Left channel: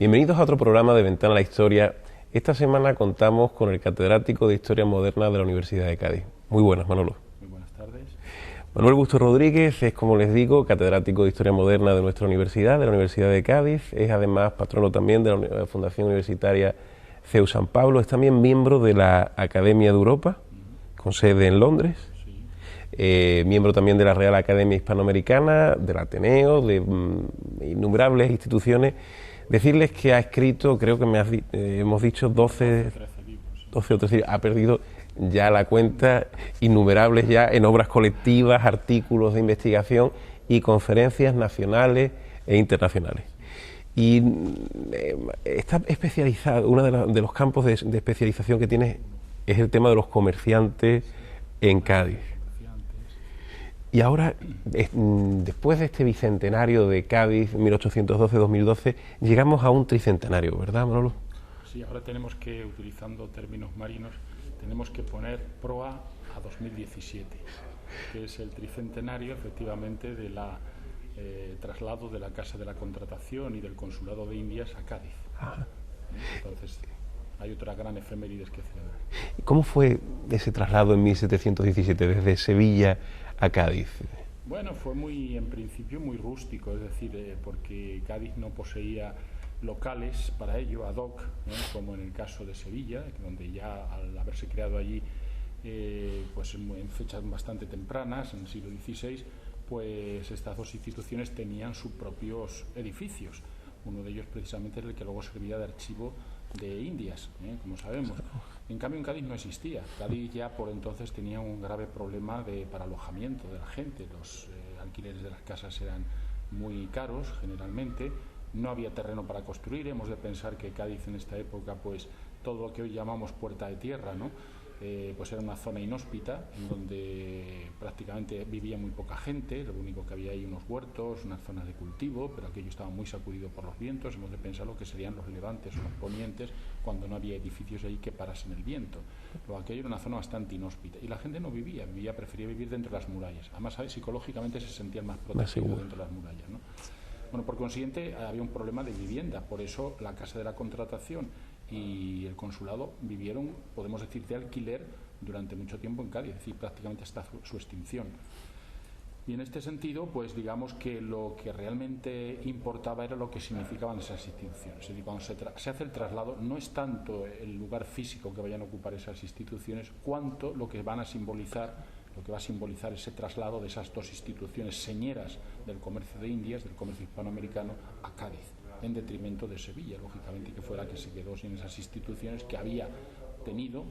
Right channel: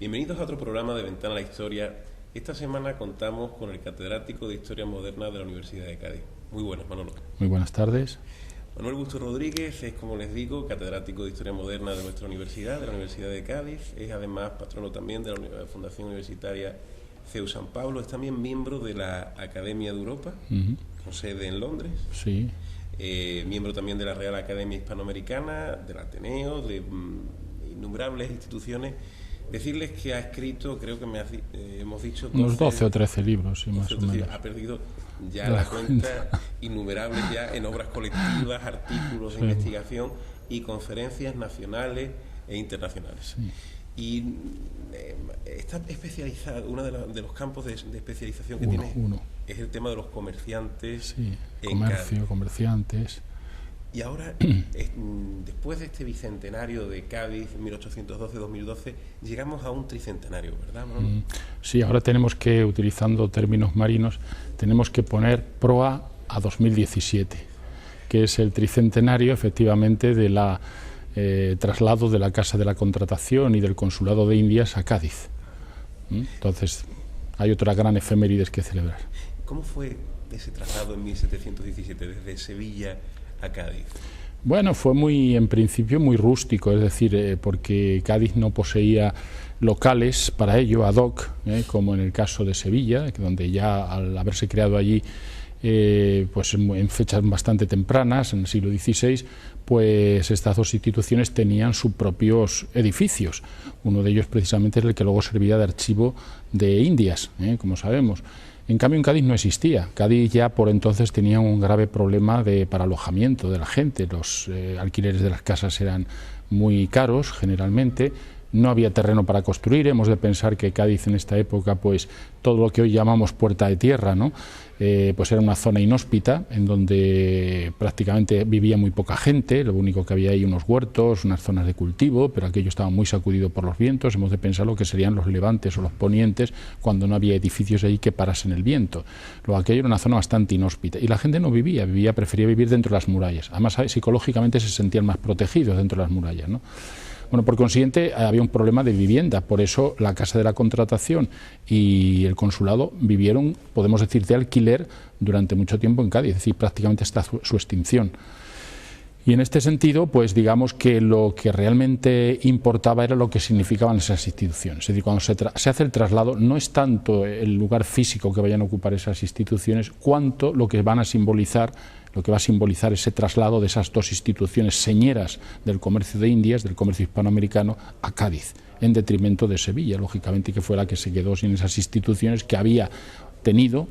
Bienvenidos a otro programa de Ventana a la Historia. Esta semana contamos con el catedrático de Historia Moderna de la Universidad de Cádiz. Muy buenas, Manolo. Muy buenas tardes. Manuel Busto Rodríguez es, como les digo, catedrático de Historia Moderna de nuestra universidad, de la Universidad de Cádiz. Es además patrono también de la Fundación Universitaria CEU San Pablo. Es también miembro de la Academia de Europa, con sede en Londres. Sí. Miembro también de la Real Academia Hispanoamericana, del Ateneo, de innumerables instituciones. Decirles que ha escrito, creo que hemos dicho 12 o 13 libros. Sí, 12 o 13, ha perdido ya la cuenta, innumerables ya en obras colectivas, artículos de investigación y conferencias nacionales e internacionales. Y está especializado, uno de los campos de especialización que tiene es el tema de los comerciantes en Cádiz. Comerciantes. Y ahora, después de este bicentenario de Cádiz, 1812-2012, llegamos a un tricentenario, ¿verdad, Manolo? Sí, ahora tenemos que, utilizando términos marinos, tenemos que poner proa a 2017, que es el tricentenario, efectivamente, de la traslado de la Casa de la Contratación y del Consulado de Indias a Cádiz. Entonces, hay otra gran efemérides que celebrar. ¿Cómo fue ese traslado en 1717, desde Sevilla a Cádiz? Bueno, fue en principio muy rústico, es decir, porque Cádiz no poseía locales para ello, ad hoc, como en el caso de Sevilla, donde ya al haberse creado allí, pues en fechas bastante tempranas, en el siglo XVI, pues estas dos instituciones tenían sus propios edificios. Uno de ellos precisamente es el que luego servía de archivo de Indias, como sabemos. En cambio, en Cádiz no existía. Cádiz ya por entonces tenía un grave problema para alojamiento de la gente. Los alquileres de las casas eran muy caros, generalmente. No había terreno para construir. Hemos de pensar que Cádiz en esta época, pues todo lo que hoy llamamos Puerta de Tierra, ¿no? Pues era una zona inhóspita en donde prácticamente vivía muy poca gente. Lo único que había ahí unos huertos, unas zonas de cultivo, pero aquello estaba muy sacudido por los vientos. Hemos de pensar lo que serían los levantes o los ponientes cuando no había edificios ahí que parasen el viento. Luego aquello era una zona bastante inhóspita y la gente no prefería vivir dentro de las murallas. Además, psicológicamente se sentían más protegidos dentro de las murallas, ¿no? Bueno, por consiguiente, había un problema de vivienda, por eso la Casa de la Contratación y el Consulado vivieron, podemos decir, de alquiler durante mucho tiempo en Cádiz, es decir, prácticamente hasta su extinción. Y en este sentido, pues digamos que lo que realmente importaba era lo que significaban esas instituciones. Es decir, cuando se hace el traslado, no es tanto el lugar físico que vayan a ocupar esas instituciones, cuanto lo que van a simbolizar, lo que va a simbolizar ese traslado de esas dos instituciones señeras del comercio de Indias, del comercio hispanoamericano, a Cádiz, en detrimento de Sevilla, lógicamente, que fue la que se quedó sin esas instituciones que había tenido,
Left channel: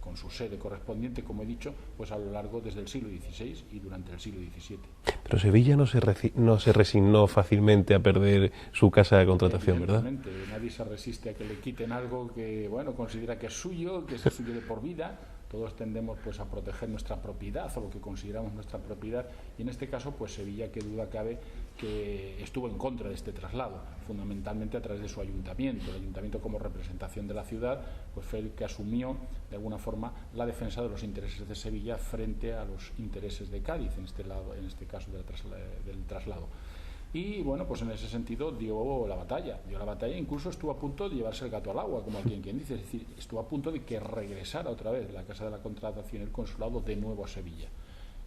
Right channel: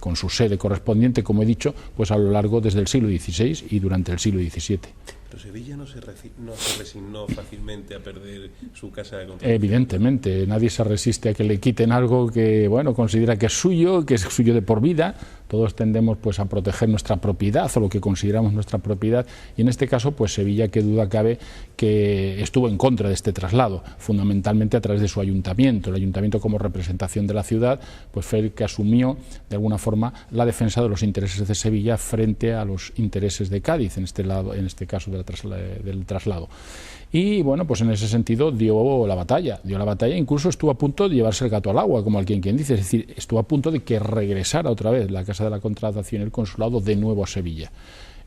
con su sede correspondiente, como he dicho, pues a lo largo desde el siglo XVI y durante el siglo XVII. Pero Sevilla no se resignó fácilmente a perder su Casa de Contratación. Evidentemente, ¿verdad? Nadie se resiste a que le quiten algo que, bueno, considera que es suyo de por vida. Todos tendemos pues a proteger nuestra propiedad o lo que consideramos nuestra propiedad, y en este caso pues Sevilla, qué duda cabe, que estuvo en contra de este traslado, fundamentalmente a través de su ayuntamiento. El ayuntamiento, como representación de la ciudad, pues fue el que asumió de alguna forma la defensa de los intereses de Sevilla frente a los intereses de Cádiz, en este caso del traslado. Y bueno, pues en ese sentido dio la batalla, incluso estuvo a punto de llevarse el gato al agua, como alguien quien dice, es decir, estuvo a punto de que regresara otra vez la Casa de la Contratación y el Consulado de nuevo a Sevilla.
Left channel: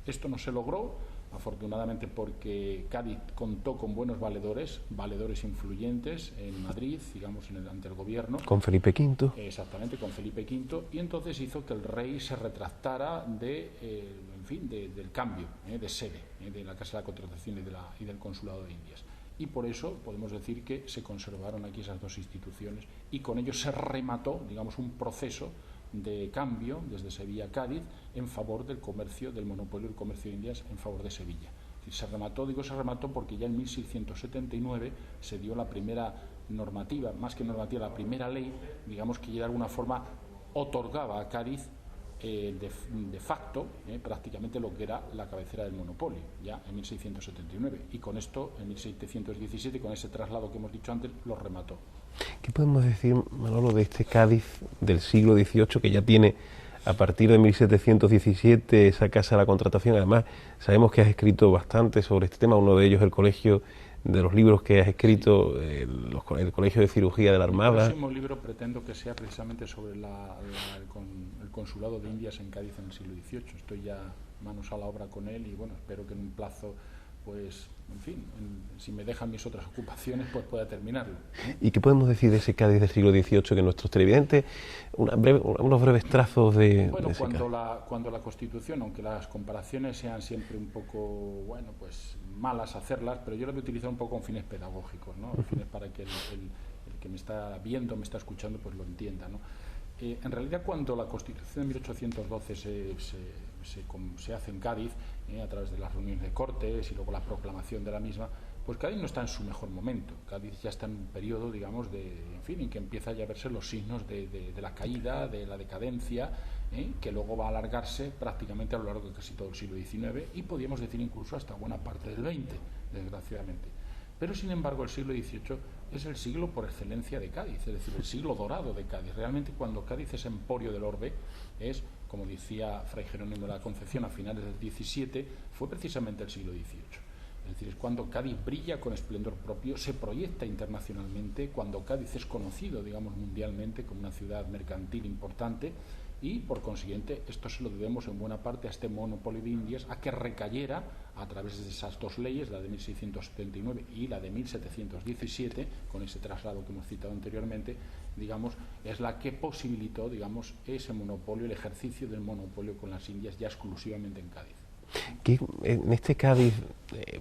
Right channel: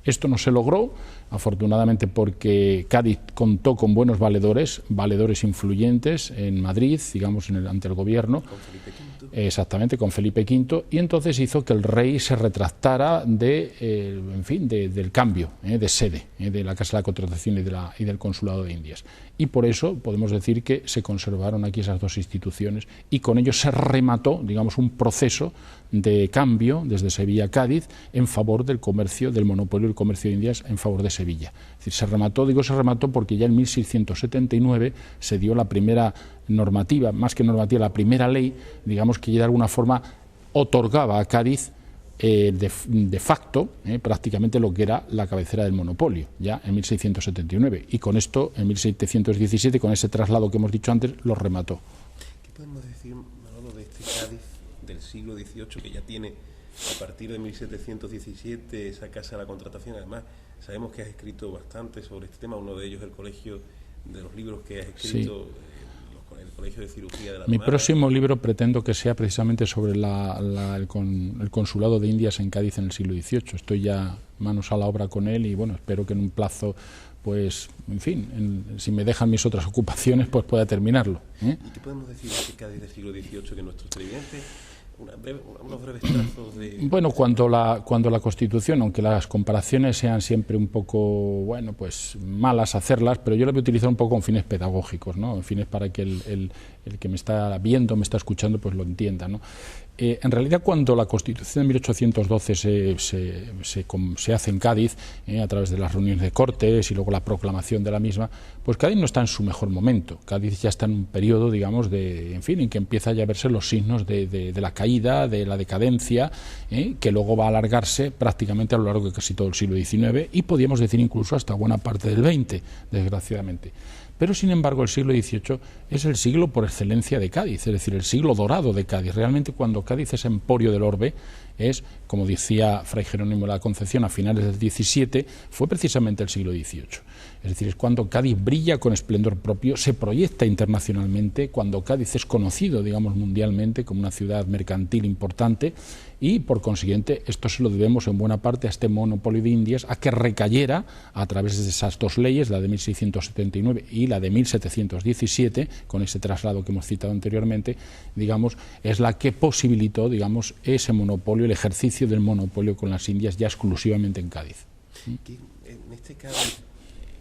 Esto no se logró, afortunadamente, porque Cádiz contó con buenos valedores influyentes en Madrid, digamos, ante el gobierno. Con Felipe V. Exactamente, con Felipe V, y entonces hizo que el rey se retractara del cambio de sede de la Casa de la Contratación y del Consulado de Indias. Y por eso podemos decir que se conservaron aquí esas dos instituciones y con ello se remató, digamos, un proceso de cambio desde Sevilla a Cádiz en favor del comercio, del monopolio del comercio de Indias en favor de Sevilla. Es decir, se remató porque ya en 1679 se dio la primera normativa, más que normativa, la primera ley, digamos, que ya de alguna forma otorgaba a Cádiz de facto prácticamente lo que era la cabecera del monopolio, ya en 1679, y con esto, en 1717, con ese traslado que hemos dicho antes, lo remató. ¿Qué podemos decir, Manolo, de este Cádiz del siglo XVIII, que ya tiene a partir de 1717 esa Casa de la Contratación? Además, sabemos que has escrito bastante sobre este tema, uno de ellos el Colegio de los libros que has escrito, sí. El Colegio de Cirugía de la Armada. Mi próximo libro pretendo que sea precisamente sobre el consulado de Indias en Cádiz en el siglo XVIII. Estoy ya manos a la obra con él y bueno, espero que en un plazo, pues, en fin, si me dejan mis otras ocupaciones, pues pueda terminarlo. ¿Y qué podemos decir de ese Cádiz del siglo XVIII que nuestros televidentes, unos breves trazos de... Bueno, cuando la Constitución, aunque las comparaciones sean siempre un poco, bueno, pues malas hacerlas, pero yo las voy a utilizar un poco con fines pedagógicos, ¿no? Fines para que el que me está viendo, me está escuchando, pues lo entienda, ¿no? En realidad, cuando la Constitución de 1812 se hace en Cádiz, a través de las reuniones de Cortes y luego la proclamación de la misma, pues Cádiz no está en su mejor momento. Cádiz ya está en un periodo, digamos, en que empieza ya a verse los signos de la caída, de la decadencia, que luego va a alargarse prácticamente a lo largo de casi todo el siglo XIX y podríamos decir incluso hasta buena parte del XX, desgraciadamente. Pero, sin embargo, el siglo XVIII es el siglo por excelencia de Cádiz, es decir, el siglo dorado de Cádiz. Realmente, cuando Cádiz es emporio del orbe, es, como decía Fray Jerónimo de la Concepción a finales del XVII, fue precisamente el siglo XVIII. Es decir, es cuando Cádiz brilla con esplendor propio, se proyecta internacionalmente, cuando Cádiz es conocido, digamos, mundialmente como una ciudad mercantil importante y, por consiguiente, esto se lo debemos en buena parte a este monopolio de Indias, a que recayera a través de esas dos leyes, la de 1679 y la de 1717, con ese traslado que hemos citado anteriormente, digamos, es la que posibilitó, digamos, ese monopolio, el ejercicio del monopolio con las Indias ya exclusivamente en Cádiz. Que en este Cádiz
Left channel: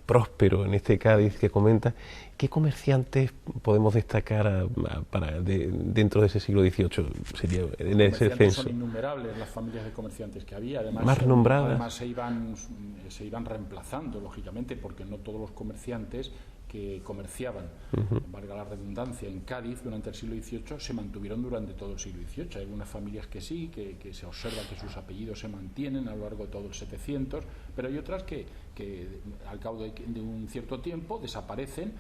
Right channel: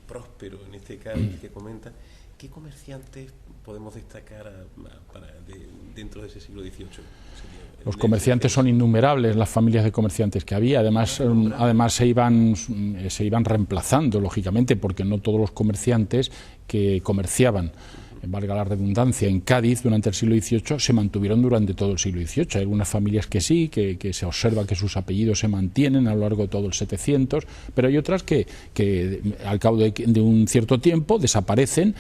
próspero, en este Cádiz que comenta, ¿qué comerciantes podemos destacar dentro de ese siglo XVIII? Los comerciantes son innumerables, las familias de comerciantes que había, además se iban reemplazando, lógicamente, porque no todos los comerciantes que comerciaban, valga la redundancia, en Cádiz durante el siglo XVIII se mantuvieron durante todo el siglo XVIII. Hay algunas familias que sí, que se observa que sus apellidos se mantienen a lo largo de todo el 700, pero hay otras que al cabo de un cierto tiempo desaparecen,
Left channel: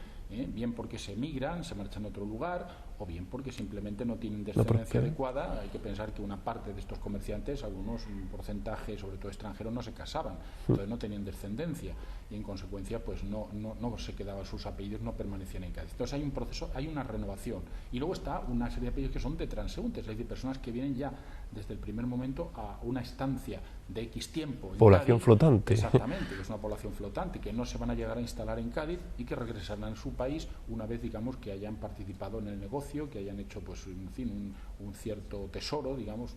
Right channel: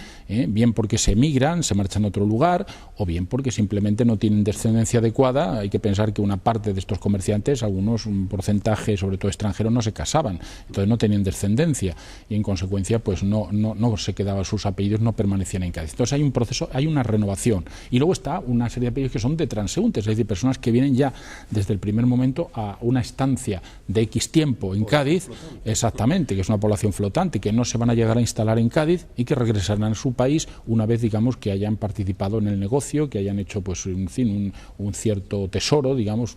bien porque se emigran, se marchan a otro lugar, o bien porque simplemente no tienen descendencia adecuada. Hay que pensar que una parte de estos comerciantes, algunos, un porcentaje, sobre todo extranjeros, no se casaban, entonces no tenían descendencia y en consecuencia pues no se quedaba, sus apellidos no permanecían en Cádiz. Entonces hay un proceso, hay una renovación. Y luego está una serie de apellidos que son de transeúntes, es decir, personas que vienen ya desde el primer momento a una estancia de X tiempo en Cádiz. Flotante. Exactamente, que es una población flotante, que no se van a llegar a instalar en Cádiz y que regresarán a su país una vez, digamos, que hayan participado en el negocio, que hayan hecho, pues, en fin, un cierto tesoro, digamos,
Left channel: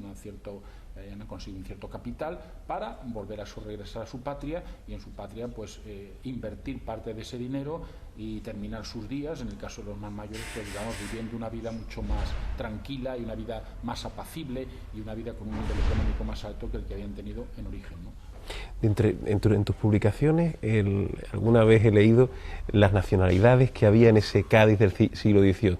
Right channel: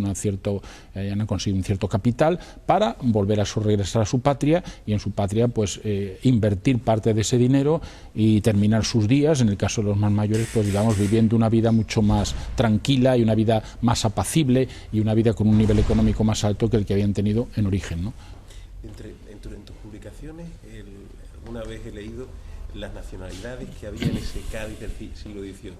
hayan conseguido un cierto capital para volver a regresar a su patria y en su patria, pues, invertir parte de ese dinero y terminar sus días, en el caso de los más mayores, pues digamos, viviendo una vida mucho más tranquila y una vida más apacible y una vida con un nivel económico más alto que el que habían tenido en origen, ¿no? En tus publicaciones, alguna vez he leído las nacionalidades que había en ese Cádiz del siglo XVIII.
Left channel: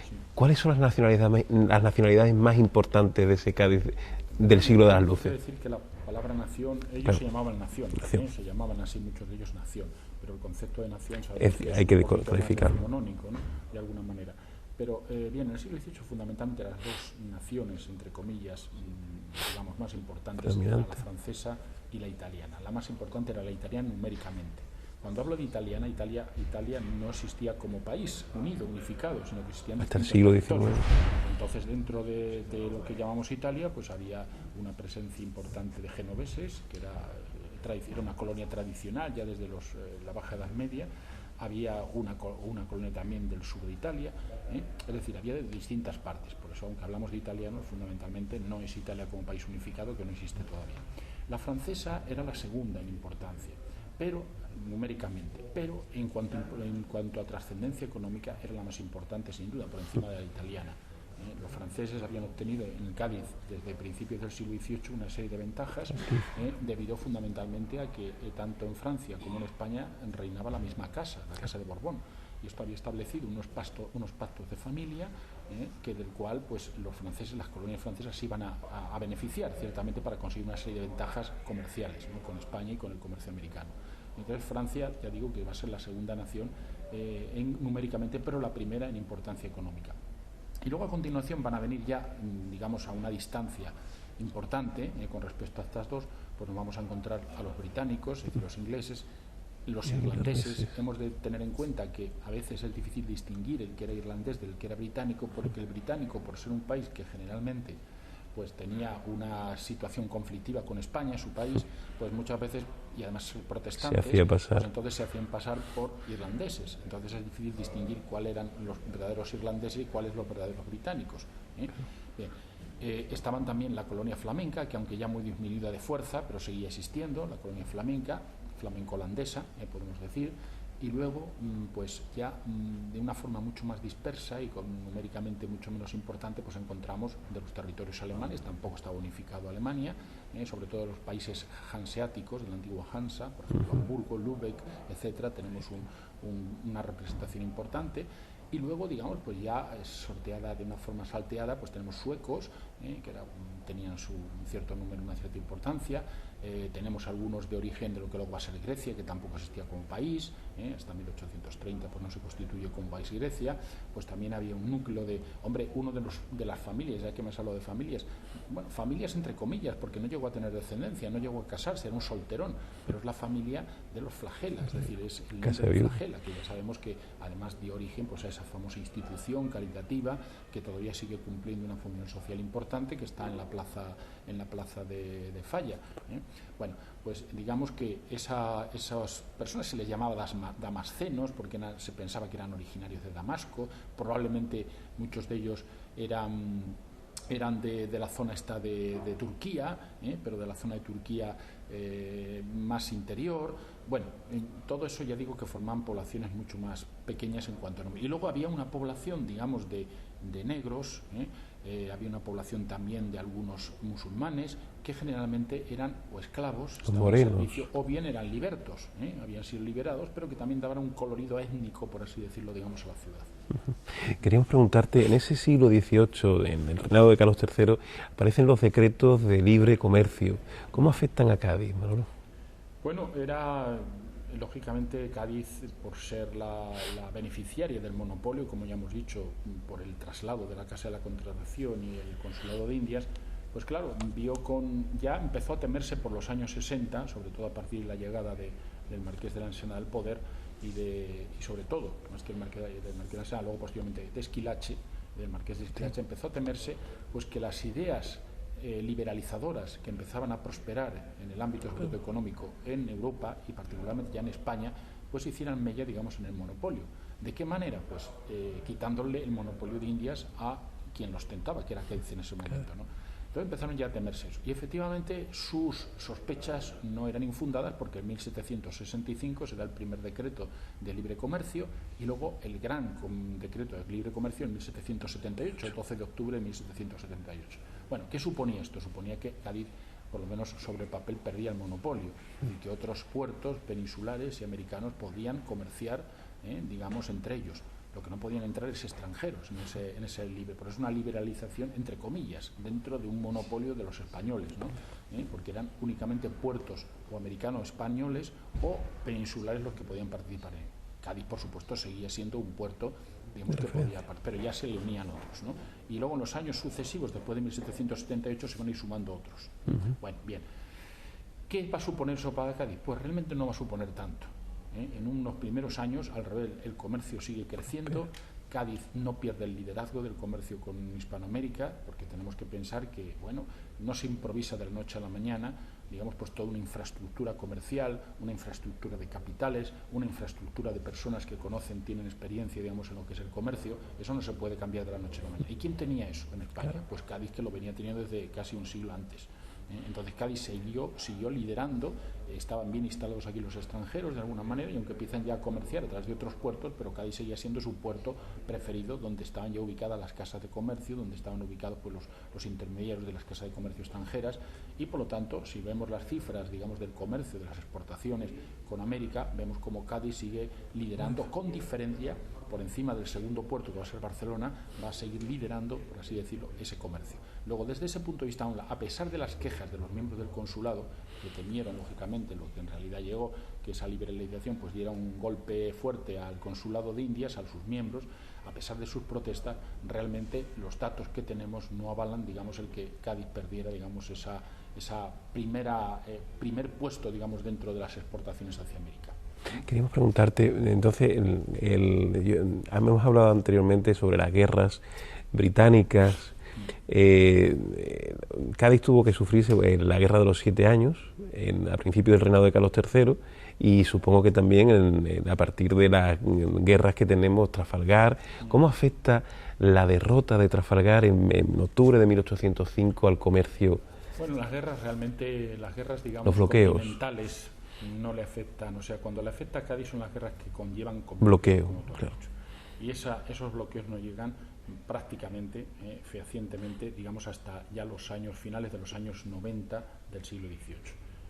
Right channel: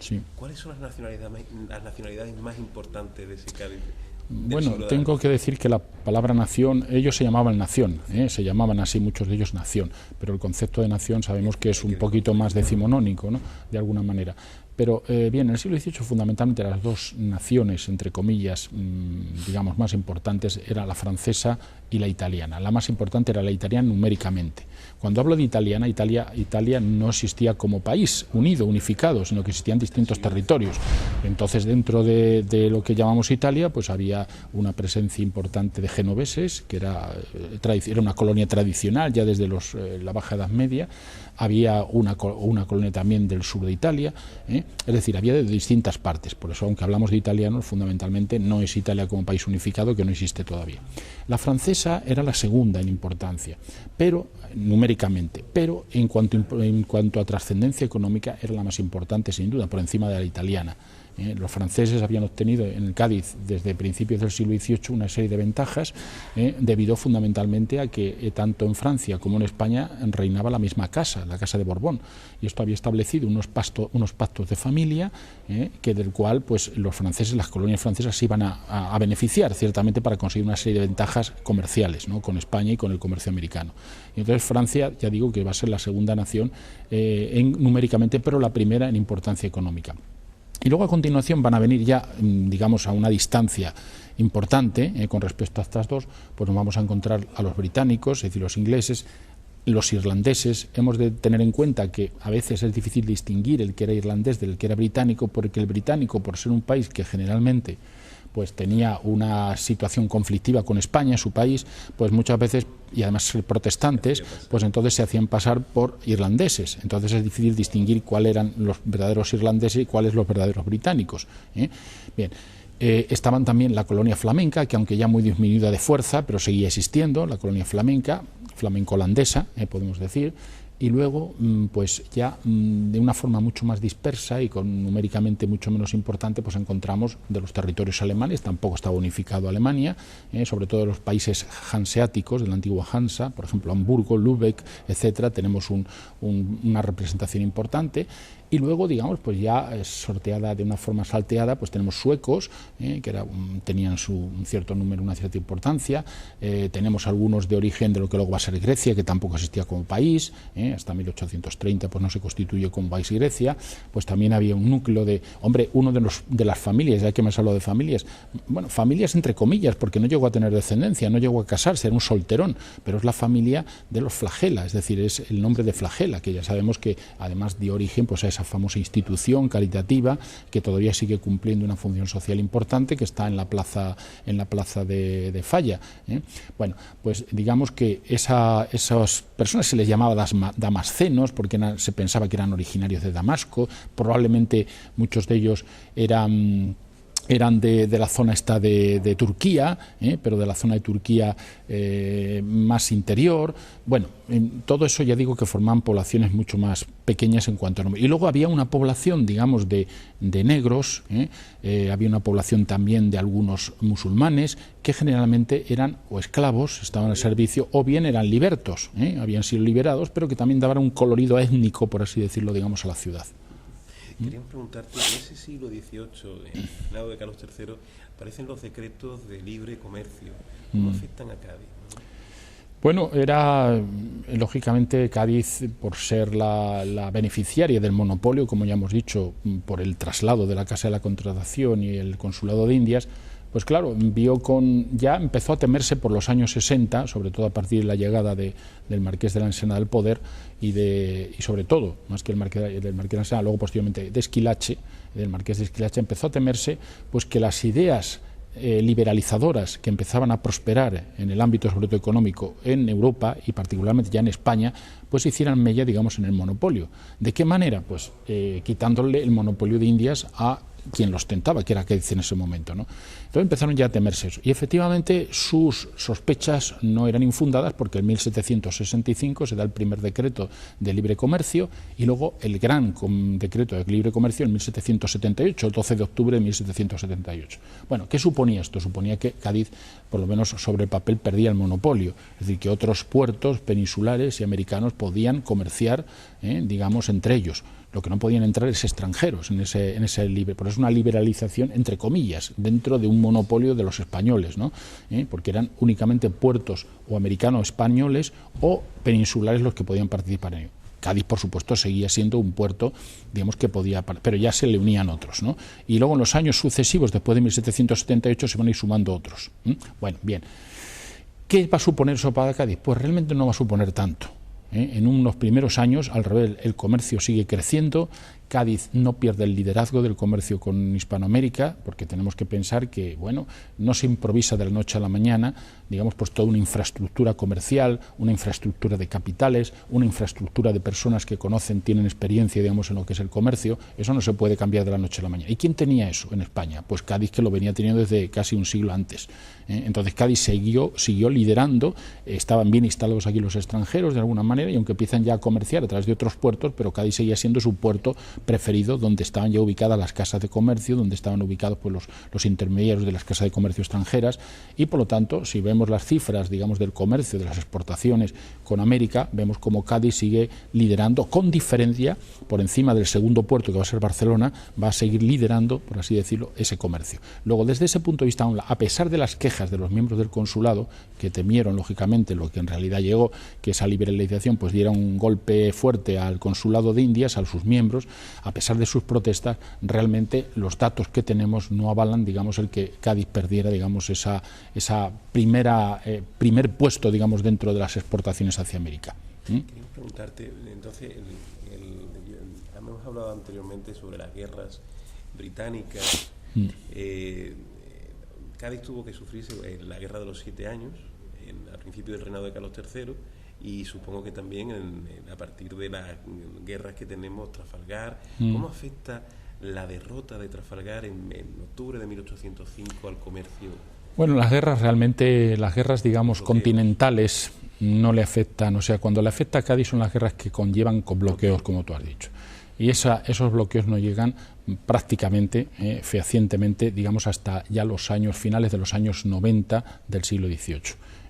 Sí. ¿Cuáles son las nacionalidades más importantes de ese Cádiz del siglo XVIII? Tengo que decir que la palabra nación, ellos se llamaban nación, se llamaban así muchos de ellos nación, pero el concepto de nación sabemos que es un poquito más decimonónico, ¿no?, de alguna manera. Pero bien, en el siglo XVIII fundamentalmente las dos naciones, entre comillas, digamos, más importantes era la francesa y la italiana. La más importante era la italiana numéricamente. Cuando hablo de italiana, Italia no existía como país unido, unificado, sino que existían distintos territorios. Entonces, dentro de lo que llamamos Italia, pues había una presencia importante de genoveses, que era una colonia tradicional ya desde la Baja Edad Media. Había una colonia también del sur de Italia, es decir, había de distintas partes. Por eso, aunque hablamos de italianos, fundamentalmente no es Italia como país unificado, que no existe todavía. La francesa era la segunda en importancia, pero numéricamente, pero en cuanto a trascendencia económica era la más importante, sin duda, por encima de la italiana. Los franceses habían obtenido en el Cádiz desde principios del siglo XVIII una serie de ventajas debido fundamentalmente a que tanto en Francia como en España reinaba la misma casa, la Casa de Borbón, y esto había establecido unos pactos de familia que del cual pues los franceses, las colonias francesas se iban a beneficiar ciertamente para conseguir una serie de ventajas comerciales, ¿no?, con España y con el comercio americano. Y entonces Francia, ya digo que va a ser la segunda nación numéricamente, pero la primera en importancia económica. Y luego a continuación van a venir ya, digamos, a una distancia importante con respecto a estas dos, pues nos vamos a encontrar a los británicos, es decir, los ingleses, los irlandeses, hemos de tener en cuenta que a veces es difícil distinguir el que era irlandés del que era británico, porque el británico, por ser un país que generalmente pues tenía una situación conflictiva con España, su país, pues muchas veces, y además ser protestantes, pues entonces se hacían pasar por irlandeses. Entonces es difícil distinguir cuáles eran los verdaderos irlandeses y cuáles los verdaderos británicos. Bien. Estaban también la colonia flamenca, que aunque ya muy disminuida de fuerza, pero seguía existiendo, la colonia flamenca, flamenco-holandesa, podemos decir, y luego, pues ya de una forma mucho más dispersa y con numéricamente mucho menos importante, pues encontramos de los territorios alemanes, tampoco estaba unificado Alemania, sobre todo los países hanseáticos de la antigua Hansa, por ejemplo Hamburgo, Lübeck, etcétera, tenemos una representación importante. Y luego, digamos, pues ya sorteada de una forma salteada, pues tenemos suecos, que tenían un cierto número, una cierta importancia. Tenemos algunos de origen de lo que luego va a ser Grecia, que tampoco existía como país. Hasta 1830 pues no se constituye como país Grecia. Pues también había un núcleo de, hombre, uno de las familias, ya que me has hablado de familias, bueno, familias entre comillas, porque no llegó a tener descendencia, no llegó a casarse, era un solterón, pero es la familia de los Flagela, es decir, es el nombre de Flagela, que ya sabemos que además dio origen pues a esa famosa institución caritativa que todavía sigue cumpliendo una función social importante, que está en la plaza de Falla. Bueno, pues digamos que esas personas se les llamaba damascenos porque se pensaba que eran originarios de Damasco, probablemente muchos de ellos eran de la zona esta de Turquía, pero de la zona de Turquía más interior. Bueno, todo eso ya digo que formaban poblaciones mucho más pequeñas en cuanto a número. Y luego había una población, digamos, de negros, había una población también de algunos musulmanes que generalmente eran o esclavos, estaban al servicio, o bien eran libertos, habían sido liberados, pero que también daban un colorido étnico, por así decirlo, digamos, a la ciudad. Queríamos preguntarte, en ese siglo XVIII, en el reinado de Carlos III, aparecen los decretos de libre comercio. ¿Cómo afectan a Cádiz, Manolo? Bueno, era lógicamente Cádiz, por ser la beneficiaria del monopolio, como ya hemos dicho, por el traslado de la Casa de la Contratación y el Consulado de Indias, pues claro, ya empezó a temerse por los años 60, sobre todo a partir de la llegada del Marqués de la Ensenada al poder y sobre todo, más que del Marqués de la Ensenada, luego posteriormente de Esquilache, del Marqués de Esquilache, empezó a temerse pues que las ideas liberalizadoras que empezaban a prosperar en el ámbito sobre todo económico en Europa y particularmente ya en España, pues hicieran mella, digamos, en el monopolio. ¿De qué manera? Pues quitándole el monopolio de Indias a quien lo ostentaba, que era Cádiz en ese momento, ¿no? Entonces empezaron ya a temerse eso. Y efectivamente sus sospechas no eran infundadas porque en 1765 se da el primer decreto de libre comercio y luego el gran decreto de libre comercio en 1778, el 12 de octubre de 1778. Bueno, ¿qué suponía esto? Suponía que Cádiz, por lo menos sobre el papel, perdía el monopolio. Es decir, que otros puertos peninsulares y americanos podían comerciar, digamos, entre ellos. Lo que no podían entrar es extranjeros en ese libre, por eso es una liberalización entre comillas dentro de un monopolio de los españoles, ¿no? Porque eran únicamente puertos o americanos españoles o peninsulares los que podían participar en ello. Cádiz, por supuesto, seguía siendo un puerto, digamos, que podía, pero ya se le unían otros, ¿no? Y luego en los años sucesivos, después de 1778, se van a ir sumando otros. Bueno, bien. ¿Qué va a suponer eso para Cádiz? Pues realmente no va a suponer tanto. En unos primeros años, al revés, el comercio sigue creciendo. Cádiz no pierde el liderazgo del comercio con Hispanoamérica, porque tenemos que pensar que, bueno, no se improvisa de la noche a la mañana, digamos, pues toda una infraestructura comercial, una infraestructura de capitales, una infraestructura de personas que conocen, tienen experiencia, digamos, en lo que es el comercio. Eso no se puede cambiar de la noche a la mañana. ¿Y quién tenía eso en España? Pues Cádiz, que lo venía teniendo desde casi un siglo antes. Entonces Cádiz siguió liderando, estaban bien instalados aquí los extranjeros de alguna manera, y aunque empiezan ya a comerciar a través de otros puertos, pero Cádiz seguía siendo su puerto preferido, donde estaban ya ubicadas las casas de comercio, donde estaban ubicados pues los intermediarios de las casas de comercio extranjeras, y por lo tanto, si vemos las cifras, digamos, del comercio, de las exportaciones con América, vemos como Cádiz sigue liderando con diferencia por encima del segundo puerto, que va a ser Barcelona, va a seguir liderando, por así decirlo, ese comercio. Luego, desde ese punto de vista, a pesar de las quejas de los miembros del consulado, que temieron lógicamente lo que en realidad llegó, que esa liberalización pues diera un golpe fuerte al consulado de Indias, a sus miembros, a pesar de sus protestas, realmente los datos que tenemos no avalan, digamos, el que Cádiz perdiera, digamos, esa primer puesto, digamos, dentro de las exportaciones hacia América. Queríamos preguntarte, entonces, hemos hablado anteriormente sobre las guerras británicas. Cádiz tuvo que sufrirse la guerra de los 7 años, a principios del reinado de Carlos III, y supongo que también a partir de las guerras que tenemos, Trafalgar. ¿Cómo afecta la derrota de Trafalgar en octubre de 1805 al comercio? Bueno, las guerras, digamos, continentales no le afectan, o sea, cuando le afecta a Cádiz son las guerras que conllevan con bloqueos, como tú has dicho. Y esos bloqueos no llegan prácticamente, fehacientemente, digamos, hasta ya los años finales de los años 90 del siglo XVIII.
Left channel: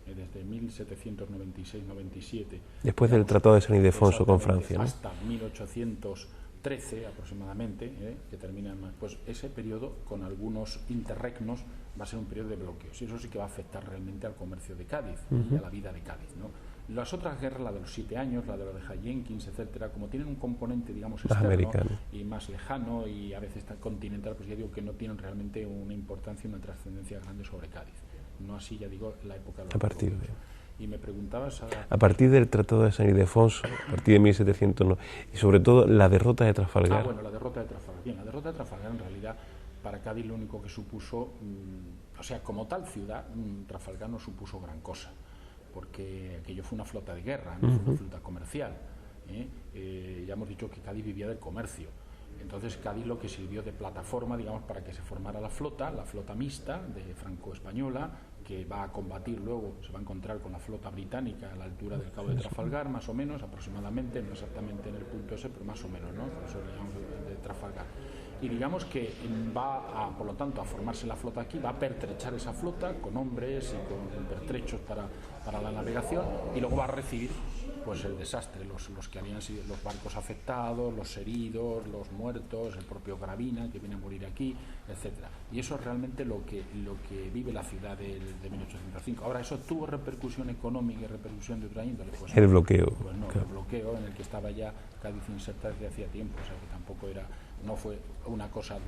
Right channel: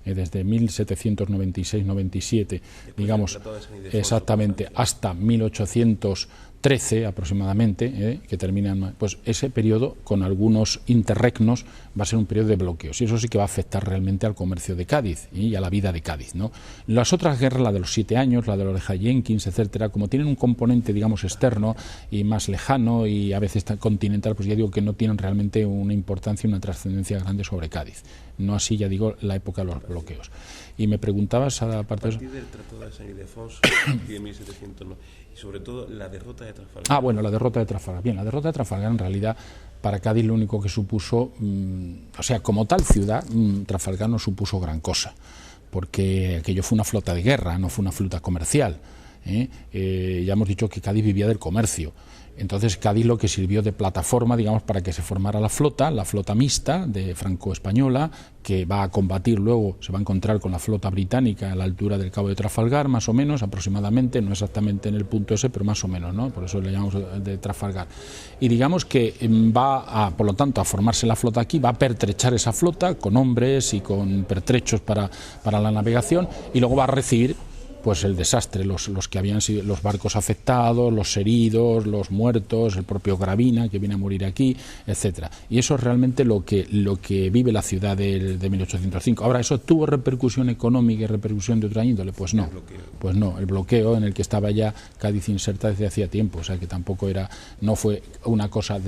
Desde 1796-97, después del Tratado de San Ildefonso, exactamente, hasta 1813 aproximadamente, que terminan, pues ese periodo con algunos interregnos va a ser un periodo de bloqueos, y eso sí que va a afectar realmente al comercio de Cádiz y a la vida de Cádiz, ¿no? Las otras guerras, la de los 7 años, la de la oreja Jenkins, etcétera, como tienen un componente, digamos, externo y más lejano y a veces continental, pues ya digo que no tienen realmente una importancia y una trascendencia grande sobre Cádiz. No así, ya digo, la época de los bloqueos. Y me preguntabas a partir del Tratado de San Ildefonso, a partir de 1700, y sobre todo la derrota de Trafalgar. Bueno, la derrota de Trafalgar. Bien, la derrota de Trafalgar en realidad para Cádiz lo único que supuso, o sea, como tal ciudad, Trafalgar no supuso gran cosa, porque aquello fue una flota de guerra, no fue una flota comercial. Ya hemos dicho que Cádiz vivía del comercio. Entonces Cádiz lo que sirvió de plataforma, digamos, para que se formara la flota mixta de franco-española, que va a combatir luego, se va a encontrar con la flota británica a la altura del Cabo de Trafalgar, más o menos, aproximadamente, no exactamente en el punto ese, pero más o menos, ¿no? Por eso le llamamos de Trafalgar. Y digamos que por lo tanto, a formarse la flota aquí, va a pertrechar esa flota con hombres y con pertrechos para la navegación, y luego va a recibir pues el desastre, los que habían sido los barcos afectados, los heridos, los muertos, el propio Gravina que viene a morir aquí, etcétera. Y eso es realmente lo que vive la ciudad de 1805. Ahora, ¿eso tuvo repercusión económica y repercusión de otra índole? Pues no. El bloqueo. Pues no, el bloqueo en el que estaba ya Cádiz inserta desde hacía tiempo, o sea que tampoco no fue una cosa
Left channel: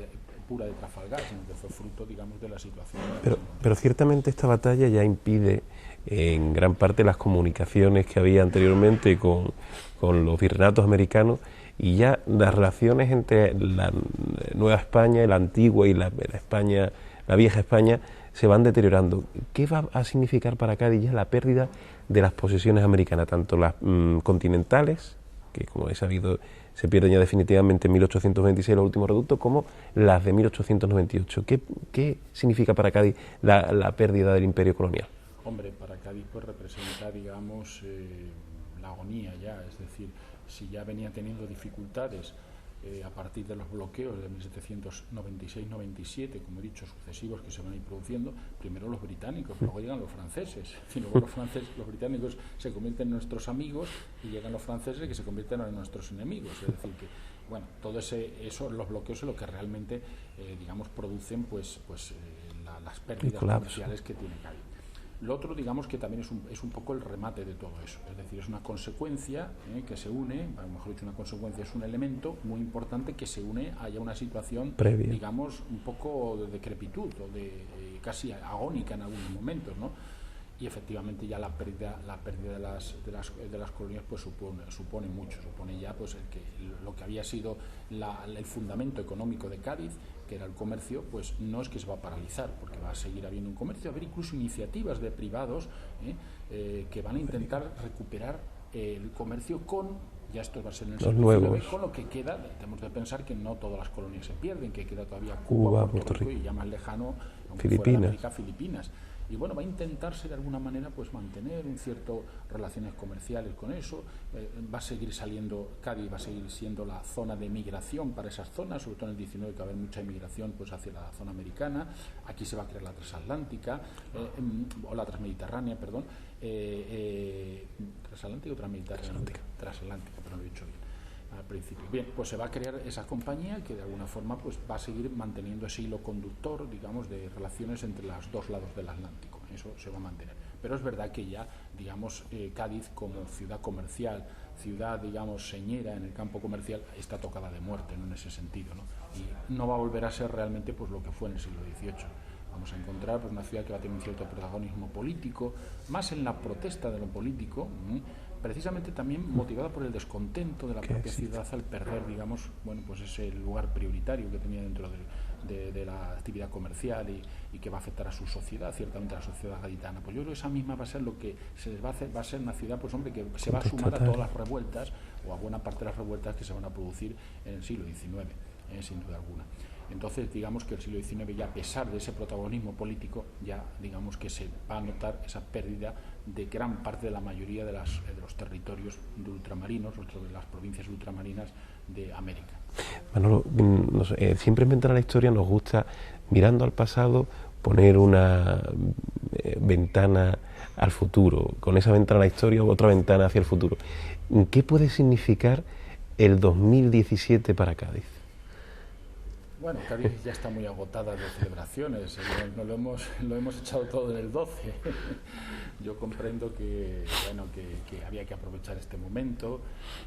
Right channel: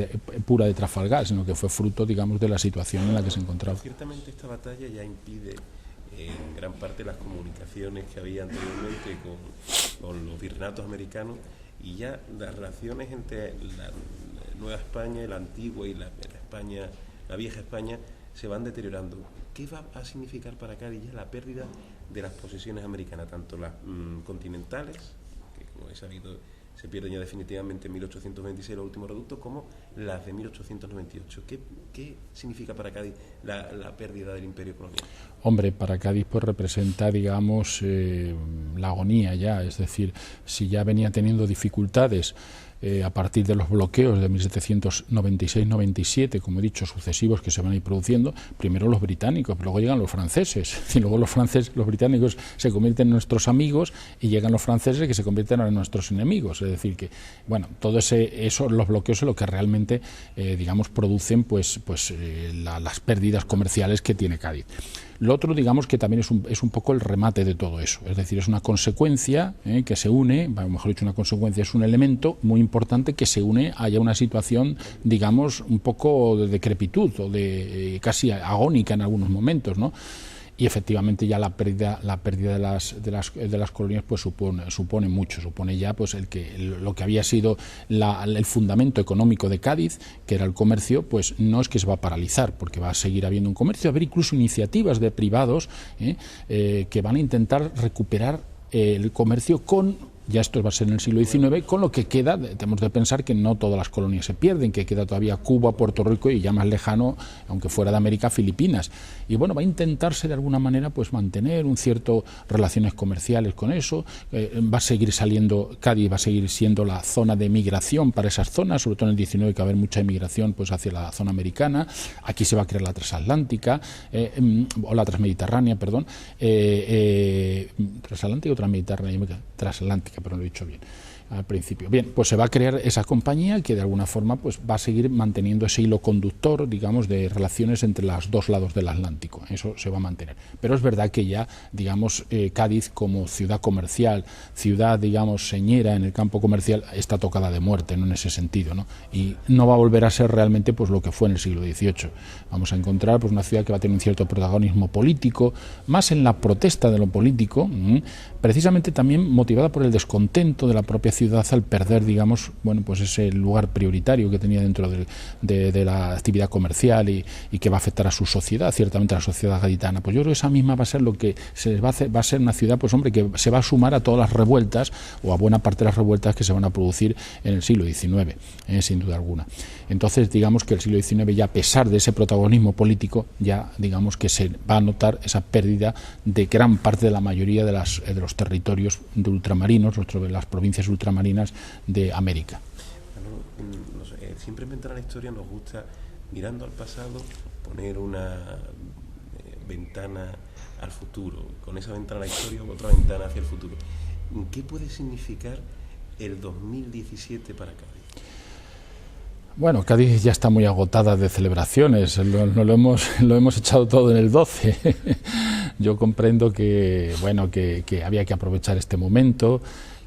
pura de Trafalgar, sino que fue fruto, digamos, de la situación en la que se encontraba. Pero ciertamente esta batalla ya impide en gran parte las comunicaciones que había anteriormente con los virreinatos americanos, y ya las relaciones entre la Nueva España y la antigua y la España, la vieja España, se van deteriorando. ¿Qué va a significar para Cádiz ya la pérdida de las posesiones americanas, tanto las continentales, que como he sabido se pierden ya definitivamente en 1826 los últimos reductos, como las de 1898? ¿Qué significa para Cádiz la pérdida del imperio colonial? Hombre, para Cádiz pues representa, digamos, la agonía ya, es decir, si ya venía teniendo dificultades a partir de los bloqueos de 1796-97, como he dicho, sucesivos que se van a ir produciendo, primero los británicos, luego llegan los franceses, y luego los británicos se convierten en nuestros amigos, y llegan los franceses que se convierten en nuestros enemigos. Es decir que, bueno, todo eso, los bloqueos es lo que realmente, digamos, producen las pérdidas comerciales que tiene Cádiz. Lo otro, digamos, que también es un poco el remate de todo eso, es decir, es una consecuencia que se une, mejor dicho, una consecuencia, es un elemento muy importante que se une a ya una situación, digamos, un poco de decrepitud o de casi agónica en algunos momentos, ¿no? Y efectivamente ya la pérdida de las colonias pues supone mucho, supone ya pues lo que había sido el fundamento económico de Cádiz, que era el comercio, pues no es que se va a paralizar, porque va a seguir habiendo un comercio, va a haber incluso iniciativas de privados que van a intentar recuperar el comercio ya esto va a ser en el siglo XIX, con lo que queda, tenemos de pensar que no todas las colonias se pierden, que queda todavía Cuba, Puerto Rico y ya más lejano, aunque fuera de América, Filipinas. Y bueno, va a intentarse de alguna manera pues mantener un cierto relaciones comerciales con eso, va a seguir saliendo, Cádiz va a seguir siendo la zona de migración para esas zonas, sobre todo en el 19 que va a haber mucha inmigración pues hacia la zona americana, aquí se va a crear la transatlántica, o la transmediterránea, transatlántica o transmediterránea, transatlántica, pero lo he dicho bien. al principio. Bien, pues se va a crear esa compañía que de alguna forma pues va a seguir manteniendo ese hilo conductor, digamos, de relaciones entre los dos lados del Atlántico. Eso se va a mantener. Pero es verdad que ya, digamos, Cádiz como ciudad comercial, ciudad, digamos, señera en el campo comercial, está tocada de muerte, ¿no?, en ese sentido, ¿no? Y no va a volver a ser realmente pues lo que fue en el siglo XVIII. Vamos a encontrar pues una ciudad que va a tener un cierto protagonismo político, más en la protesta de lo político, precisamente también motivada por el descontento de la propia ciudad al perder, digamos, bueno, pues ese lugar prioritario que tenía dentro de la actividad comercial y que va a afectar a su sociedad, ciertamente a la sociedad gaditana. Pues yo creo que esa misma va a ser lo que se les va a hacer, va a ser una ciudad, pues hombre, que se va a sumar a todas las revueltas o a buena parte de las revueltas que se van a producir en el siglo XIX, sin duda alguna. Entonces, digamos que el siglo XIX ya, a pesar de ese protagonismo político, ya digamos que se va a notar esa pérdida de gran parte de la mayoría de los territorios de ultramarinos, de las provincias ultramarinas de América. Manolo, no sé, siempre en Ventana a la Historia nos gusta, mirando al pasado, poner una ventana al futuro, con esa ventana a la historia u otra ventana hacia el futuro. ¿Qué puede significar el 2017 para Cádiz? Bueno, Cádiz ya está muy agotada de celebraciones, lo hemos echado todo en el 12. Yo comprendo que, bueno, que había que aprovechar este momento,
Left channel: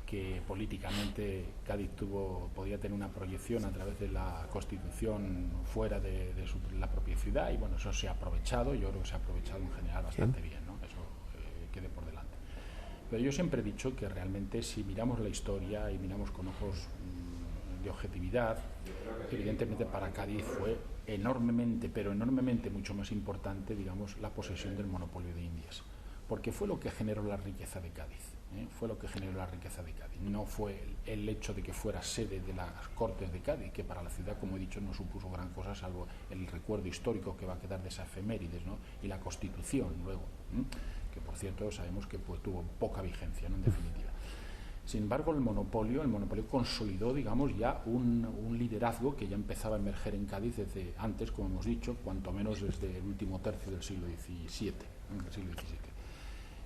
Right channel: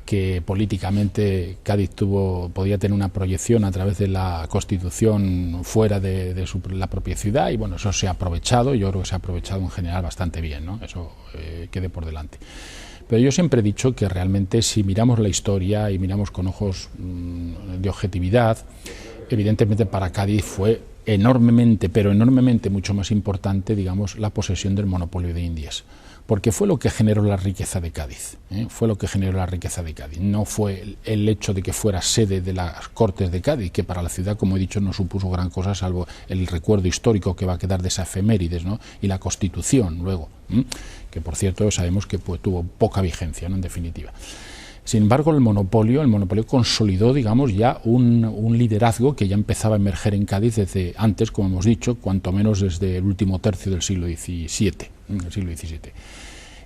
que políticamente Cádiz podía tener una proyección a través de la Constitución fuera de la propia ciudad, y bueno, eso se ha aprovechado, yo creo que se ha aprovechado en general bastante bien, ¿no? Eso quede por delante. Pero yo siempre he dicho que realmente, si miramos la historia y miramos con ojos de objetividad, evidentemente para Cádiz fue enormemente, pero enormemente mucho más importante, digamos, la posesión del monopolio de Indias, porque fue lo que generó la riqueza de Cádiz, fue lo que generó la riqueza de Cádiz. No fue el hecho de que fuera sede de las Cortes de Cádiz, que para la ciudad, como he dicho, no supuso gran cosa, salvo el recuerdo histórico que va a quedar de esa efemérides, ¿no?, y la Constitución luego, que por cierto sabemos que pues, tuvo poca vigencia, ¿no?, en definitiva. Sin embargo, el monopolio consolidó, digamos, ya un liderazgo que ya empezaba a emerger en Cádiz desde antes, como hemos dicho, cuanto menos desde el último tercio del siglo XVII.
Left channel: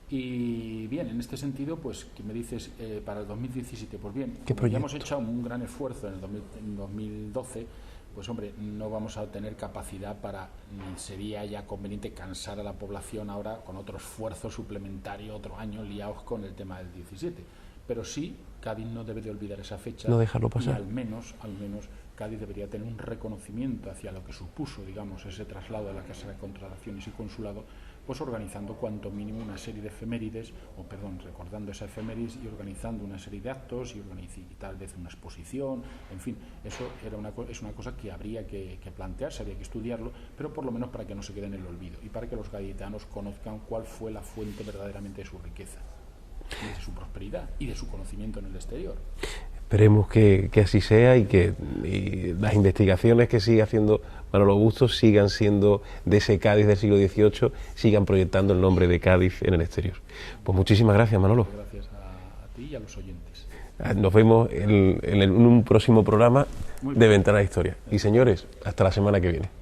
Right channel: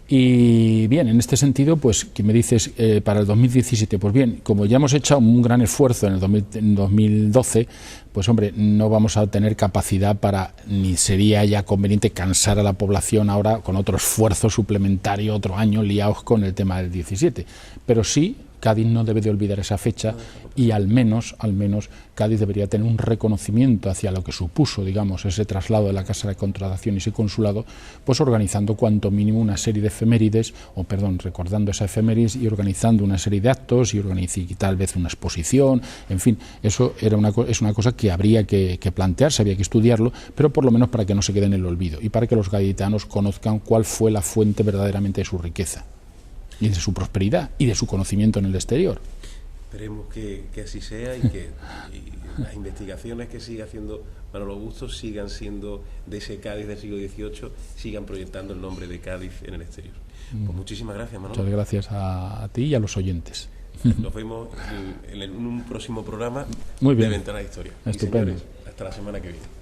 Y bien, en este sentido, pues, ¿qué me dices para el 2017? Pues bien, como ya hemos hecho un gran esfuerzo en el 2012, pues hombre, no vamos a tener capacidad ni sería ya conveniente cansar a la población ahora con otro esfuerzo suplementario, otro año liados con el tema del 17. Pero sí, Cádiz no debe de olvidar esa fecha, y al menos Cádiz debería tener un reconocimiento hacia lo que supuso, digamos, ese traslado de la Casa de Contratación y ese consulado, pues organizando cuanto mínimo una serie de efemérides, recordando esa efemérides y organizando una serie de actos y tal vez una exposición, en fin, eso es una cosa que habría que plantearse, había que estudiarlo, pero por lo menos para que no se quede en el olvido y para que los gaditanos conozcan cuál fue la fuente verdaderamente de su riqueza y de su prosperidad y de su conocimiento en el exterior. Esperemos que así sea y que las investigaciones que sigue haciendo Manolo Bustos sigan siendo de ese Cádiz del siglo XVIII, sigan proyectando el nombre de Cádiz en el exterior. Pues muchísimas gracias, Manolo. Muchas gracias a ti y a los oyentes. Nos vemos en un próximo programa de Ventana a la Historia. Y señores, hasta la semana que viene.